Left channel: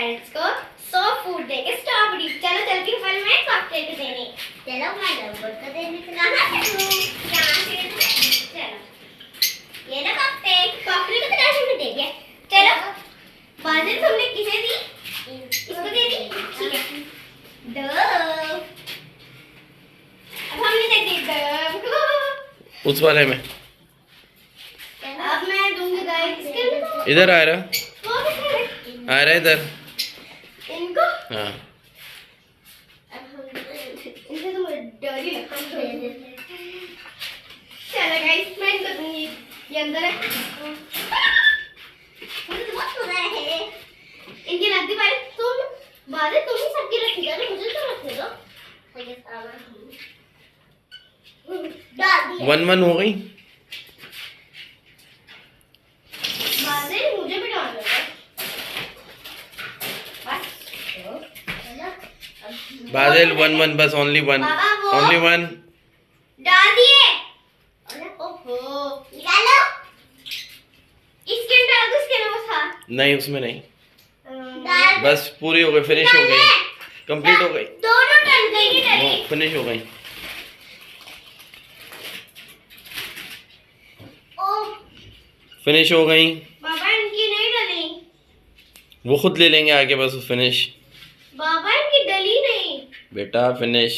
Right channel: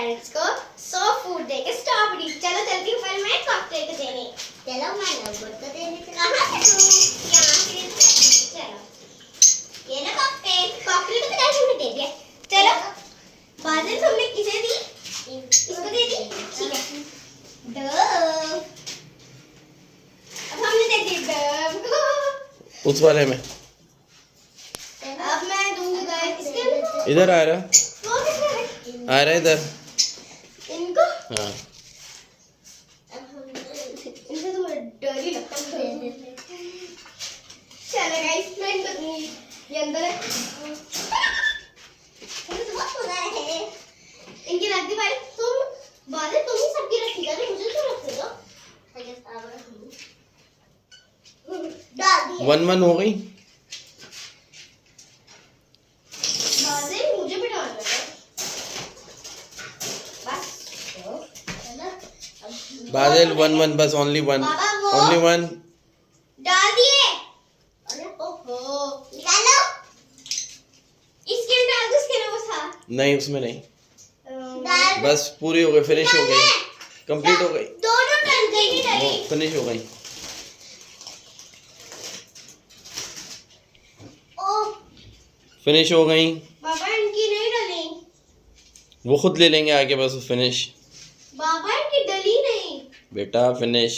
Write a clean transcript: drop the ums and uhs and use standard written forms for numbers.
Parents को 100 food देंगे strawberry. चलो चलती हूँ फिर मैं कॉकटेल को देने। चलो मैं लवबर्ड को देने से कहाँ से चलो ये ना कॉकटेल को तो कैसे हमने दे दिया। चलो बाजिल तुमने किसे दी? इसको दे दी। ठीक है डव अब हमने दे दी डव को उस वाले में। अब मैं दूंगी गाइस इसके इधर आ रहा आ रहा इधर इनको। हाँ इनसे तो मुझे डर ही लगता है। चलो गाइस मैं इनको दूंगी। ये अंदर है। मुझे तो बहुत मजा आया है। इनकी रख दी भाई तुम बादल तुम ही सबकी रखी कर मुझे तो रख दो। डाल दी 1-1 हो गई। बादल मुझे भी डाल दो बस। बाजिल 1-1 बस ओनली वन डाल दिए। अरे ओहो निकालो। इसके डाल दो इसके ना वो था। नहीं उसमें नहीं बस पूरी हो गई फिनिश हो गई कंप्लीट हो गई दोनों डल गई वो फिनिश हो गई। ओ फिनिश हो गई बाबा इनकी नहीं डली। वो खुद ले लेंगे आगे बस फिनिश बाबा इनकी डली नहीं बेटा फिनिश।